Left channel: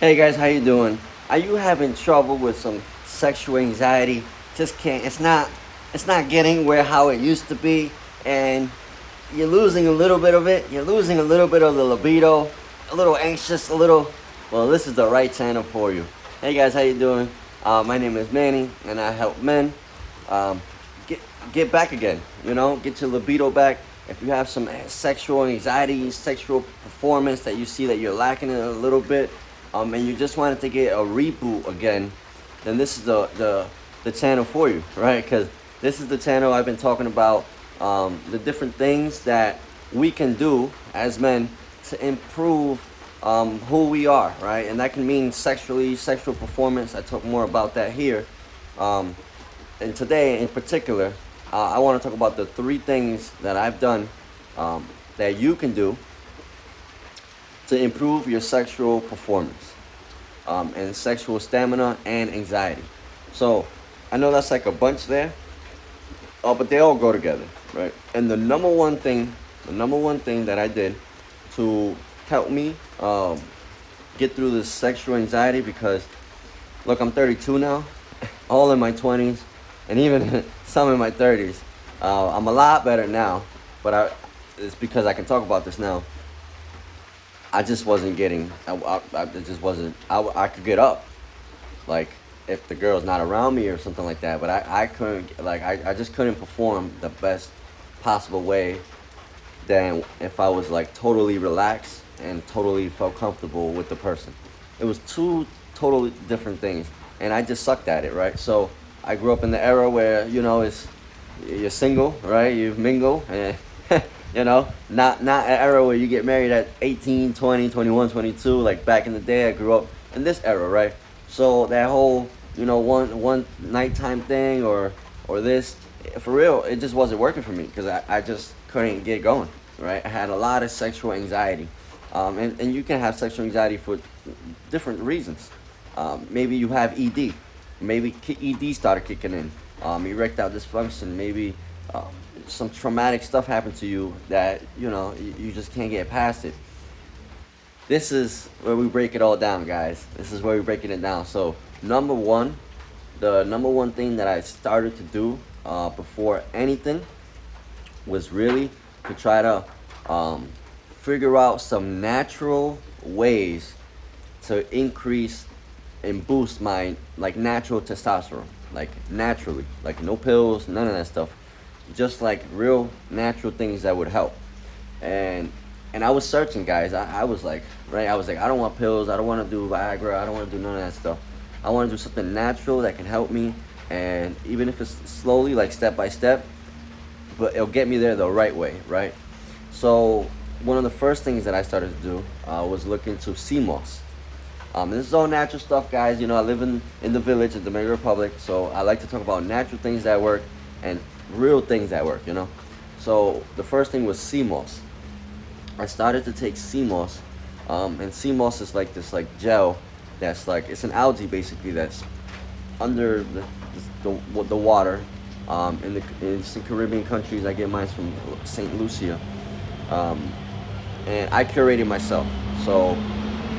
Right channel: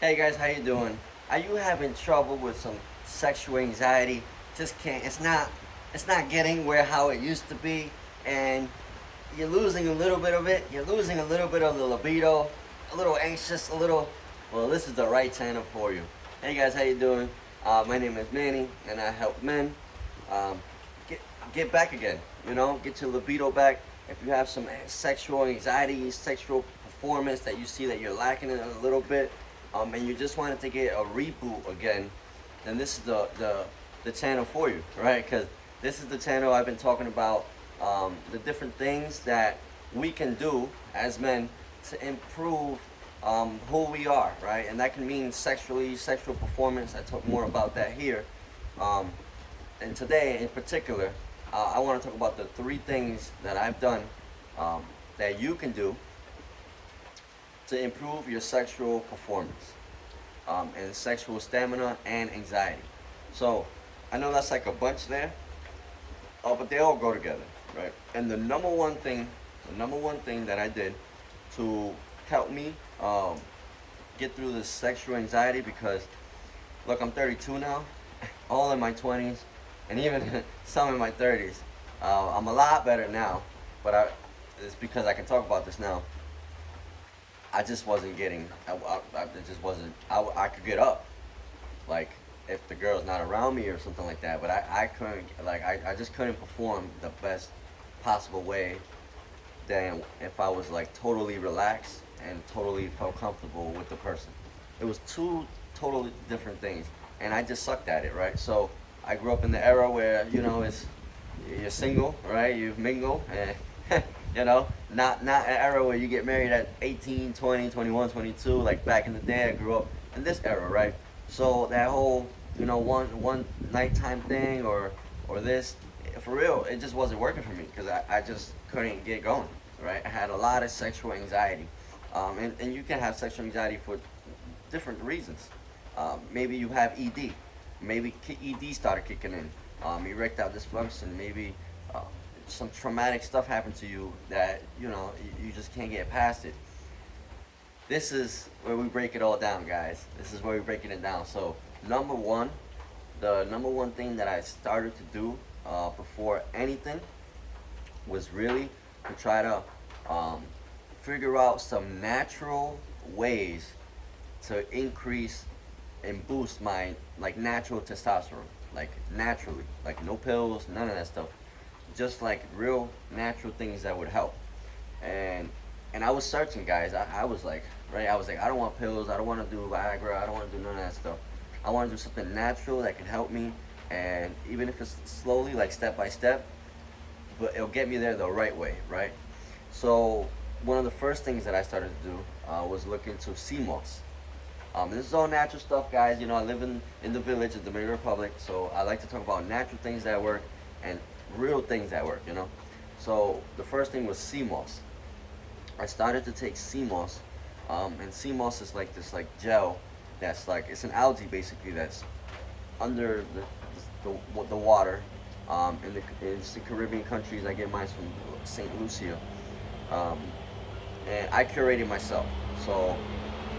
Hey guys, how you doing? Are you having trouble with some sexual anxiety? Just can't. It's not getting where how it used to be, and you're losing a little bit of it. You're losing a little bit of the libido, a little anxious, a little. Well, this is the right channel for you. Hey guys, how you doing? My name is Manny, and I help men um, get get back again. Get your libido back. If you have some sexual anxiety, sexual performance that you see that you're lacking in a little bit, and you just wanted to get a reboot again, then this is the channel for you, right? Because this is the channel I've been talking about the different things that we can do as men to improve who we are, right? And that can mean sexual performance. I talk more about that here. Um, and today, in particular, I want to talk about the three things that I've done um, that you can do to improve your sexual performance and sexual stamina and anxiety. So I know that's like a bunch there, but they all go together, right? And the number one thing that I did to help me get through this sexual anxiety, because look, I'm 32 now, all in my 20s, and even some in my 30s. I'm a lot better now, but it's because I can talk about this now. I just wasn't getting. It just wasn't. I could get up, like if the girl's not around me or something like that. But I couldn't. Like I just couldn't perform the best possible way than if I was like totally relaxed and totally felt comfortable with the person. It was two totally different things, and I just sucked at it, right? So I grew up in the era where it's you're single, right? You mingle, and not an era where you get married at 18, 20, 21, 22. Like back in the day, I grew up in this era, right? So that whole one nighttime thing or this, for real, it just wasn't working for me because I just couldn't get going, right? I had a lot of sexual anxiety, and you can have sexual anxiety for different reasons. Maybe you have ED. Maybe ED started kicking in. Erectile dysfunction. Maybe uh, some traumatic stuff happened to you that you just can't get past it. This is where we break it all down, guys. This is where we breaking it down. So number one, the number one thing that I started to do before anything was really to try to um, figure out some natural ways to increase and boost my like natural testosterone, like naturally, like no pills, none of that stuff, just like real natural things that would help. And and I was searching, guys. I was like, right, I was like, I don't want pills, I don't want to do Viagra, I don't want to do none of that stuff. I want to do something natural that can help me, and even if it's slowly, like step by step, but it'll get me there the right way, right? So one of the first things that I started to do was look into sea moss. This is all natural stuff, guys. I live in the village in the Dominican Republic, so I like to talk about natural things that work and real things that work. So the first thing was sea moss. I started to take sea moss, and sea moss is like this like gel that's like it's an algae basically that's under the water. In some Caribbean countries, I get mine from St. Lucia, um, and I curate it myself. So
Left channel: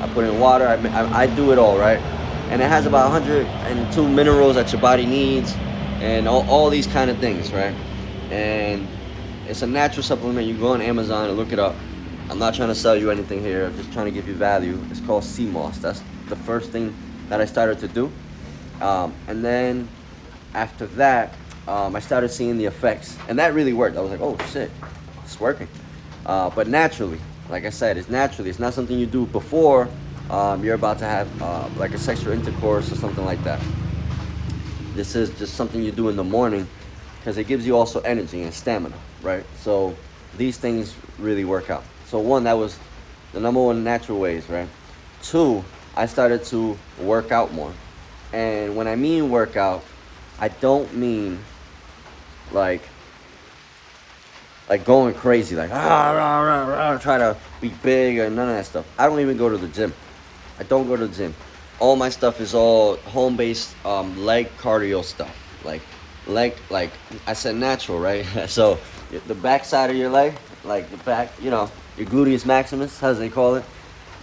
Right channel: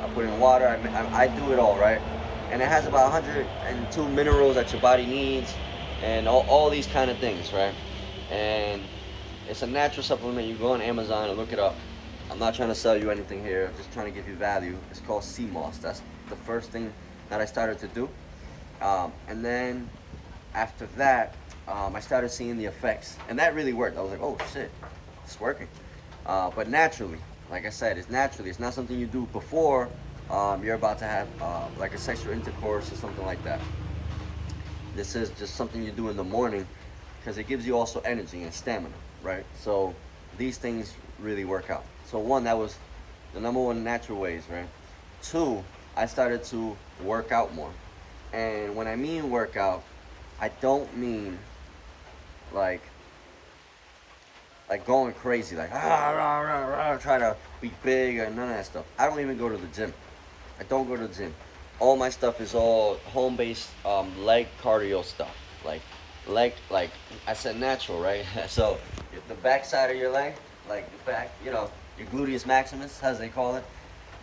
I put in water. I do it all, right, and it has about 102 minerals that your body needs, and all these kind of things, right? And it's a natural supplement. You go on Amazon and look it up. I'm not trying to sell you anything here. I'm just trying to give you value. It's called sea moss. That's the first thing that I started to do, and then after that, I started seeing the effects, and that really worked. I was like, oh shit, it's working. But naturally, like I said, it's naturally. It's not something you do before you're about to have like a sexual intercourse or something like that. This is just something you do in the morning because it gives you also energy and stamina, right? So these things really work out. So one, that was the number one natural ways, right? Two, I started to work out more. And when I mean workout, I don't mean like going crazy, like rah, rah, rah, try to be big or none of that stuff. I don't even go to the gym. I don't go to the gym. All my stuff is all home-based leg cardio stuff. Like I said, natural, right? So the back side of your leg, like the back, your gluteus maximus, as they call it.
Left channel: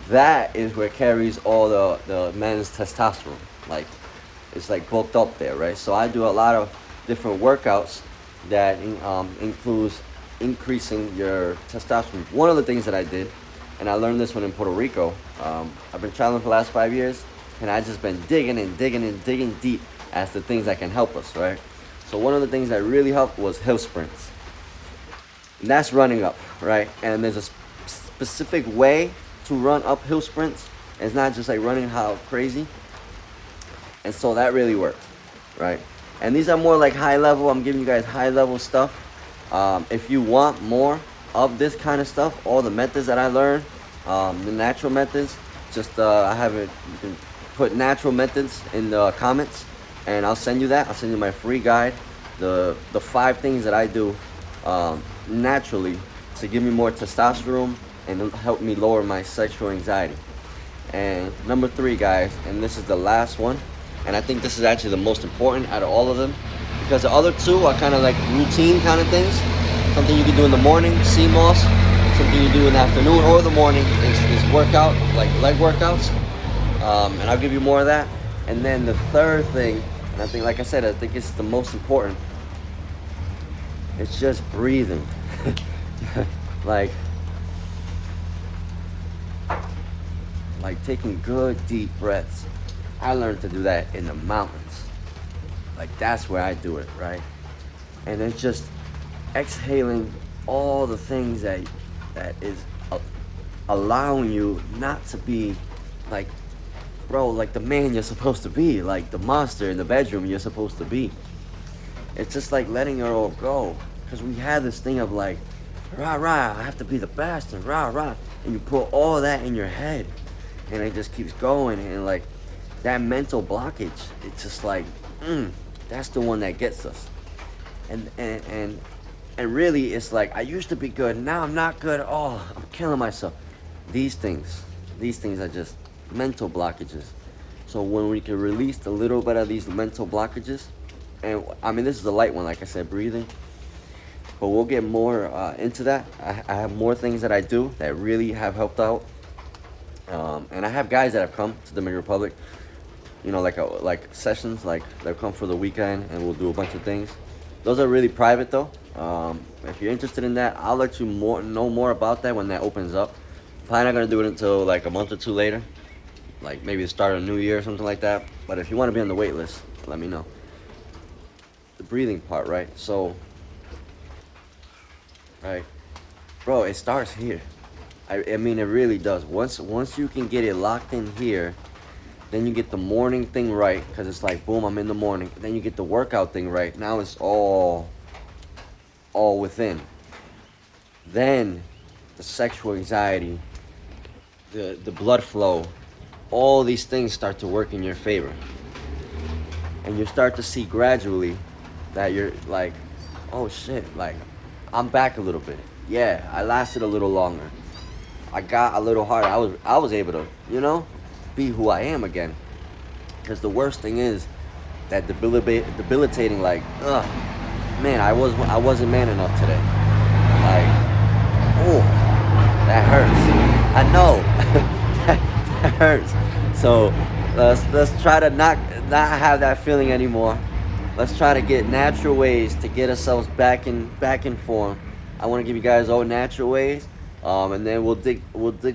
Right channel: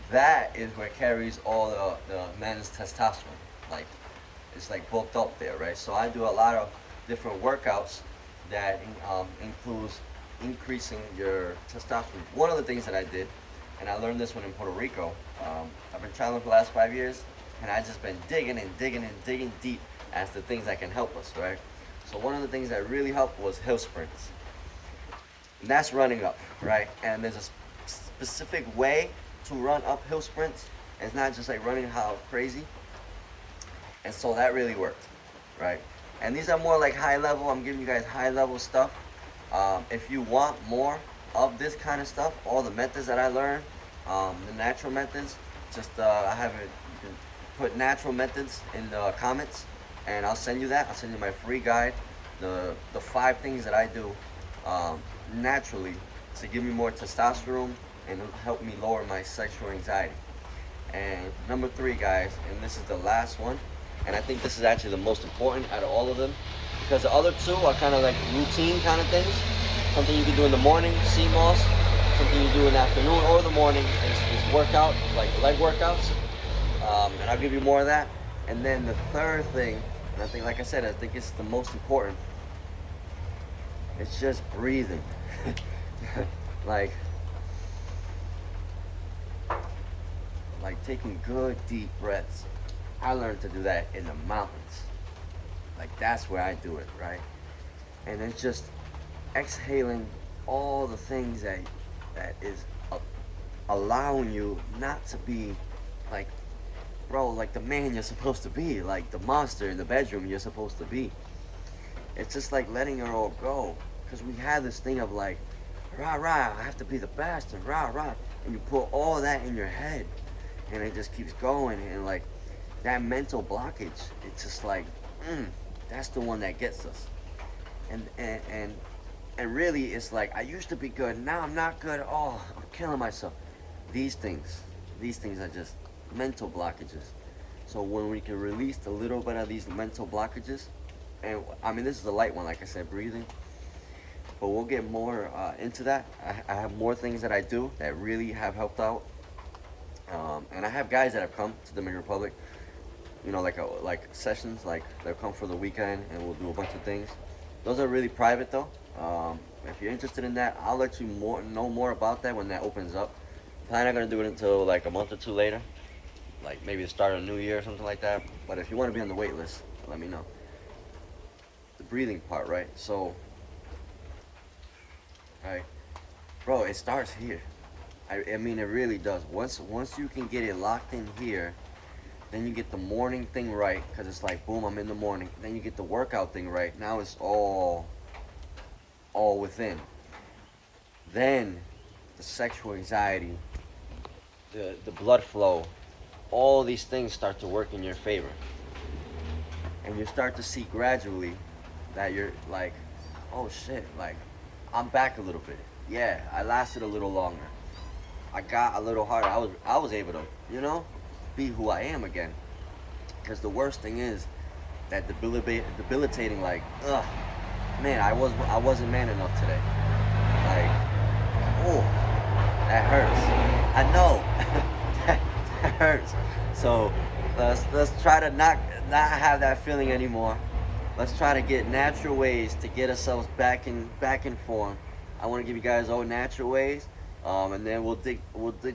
that is where carries all the men's testosterone. Like, it's like bulked up there, right? So I do a lot of different workouts that includes increasing your testosterone. One of the things that I did, and I learned this one in Puerto Rico. I've been traveling for the last 5 years, and I just been digging and digging and digging deep as to things that can help us, right? So one of the things that really helped was hill sprints. And that's running up, right? And there's a specific way to run uphill sprints. It's not just like running how crazy. And so that really worked, right? And these are more like high level. I'm giving you guys high level stuff. If you want more of this kind of stuff, all the methods that I learned, the natural methods, just I have it. You can put natural methods in the comments, and I'll send you that. I'll send you my free guide, the 5 things that I do naturally to give me more testosterone and help me lower my sexual anxiety. And number 3, guys, and this is the last one, and I think this is actually the most important out of all of them, because the other 2 are kind of like routine kind of things, something you can do in the morning, CMOS, something you do in the afternoon or the morning is workout, like leg workouts, and I'll give you more of that. And then the 3rd thing, and I think, like I said, I think it's the most important, it's just breathing. like taking good deep breaths. I learned to do that in the mountains. Like, that's where I do it, right? And it's just exhaling all the things that is allowing you not to be like, bro, like the man you're supposed to be, like the monster in the bedroom you're supposed to be. It's just like letting it all go, because we have this thing of like, rah rah, I have to be the best, and rah rah, and you put all that in your head, and it just keeps going, and like that mental blockage, it's just like, that's the one that gets us. And really, it's like, I used to be good, now I'm not good. Oh, I'm killing myself. These things are just mental blockages. So when we can release a little bit of these mental blockages, and I mean, this is a light one, like I said, breathing, but we'll get more into that. I have more things that I do that really have helped out. And I have guys that have come to Dominican Republic, you know, like sessions, like they'll come for the weekend and we'll do a bunch of things. Those are really private though. If you're interested in that, I'll let you know more about that when that opens up. Probably not gonna do it until like a month or 2 later, like maybe the start of a new year or something like that. But if you want to be on the wait list, let me know. The breathing part, right? So, right, bro, it starts here. I mean, it really does. Once you can get it locked in here, then you get the morning thing right, because it's like, boom, I'm in the morning. Then you get the workout thing right. Now it's all within. Then the sexual anxiety, the blood flow, all these things start to work in your favor. And you start to see gradually that you're like, oh shit, like I'm back a little bit. Yeah, I lasted a little longer. I got a little harder. I was able to, you know, be who I am again. Because the worst thing is that debilitating, like, man, I wasn't man enough today. Like, oh, that hurts. I know. that hurts. So let's try to not have that feeling anymore. Let's try to get natural ways to get ourselves back in form. I want to give you guys all natural ways, and then we'll dig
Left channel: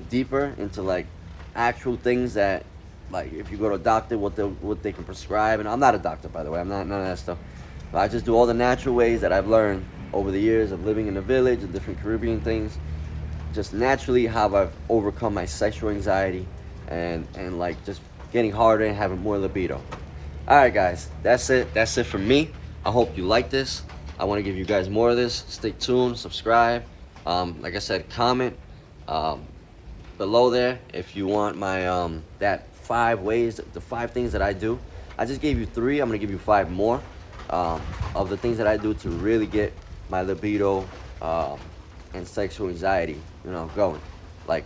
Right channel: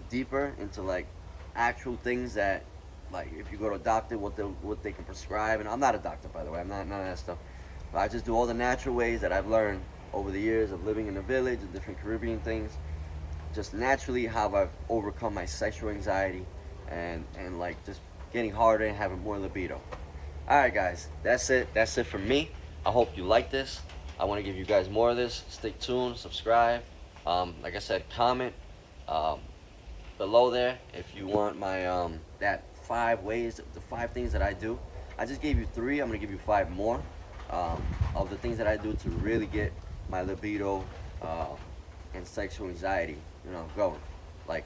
deeper into like actual things that, like, if you go to a doctor, what they can prescribe. And I'm not a doctor, by the way. I'm not none of that stuff. But I just do all the natural ways that I've learned over the years of living in the village and different Caribbean things. Just naturally how I've overcome my sexual anxiety and like just getting harder and having more libido. All right, guys, that's it. That's it for me. I hope you like this. I want to give you guys more of this. Stay tuned, subscribe. Like I said, comment below there if you want my that 5 ways, the 5 things that I do. I just gave you 3. I'm gonna give you 5 more of the things that I do to really get my libido and sexual anxiety, you know, going. Like,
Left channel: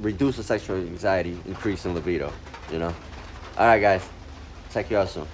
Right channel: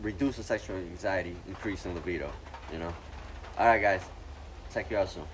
reduce the sexual anxiety, increase in libido, you know. All right, guys, check you out soon.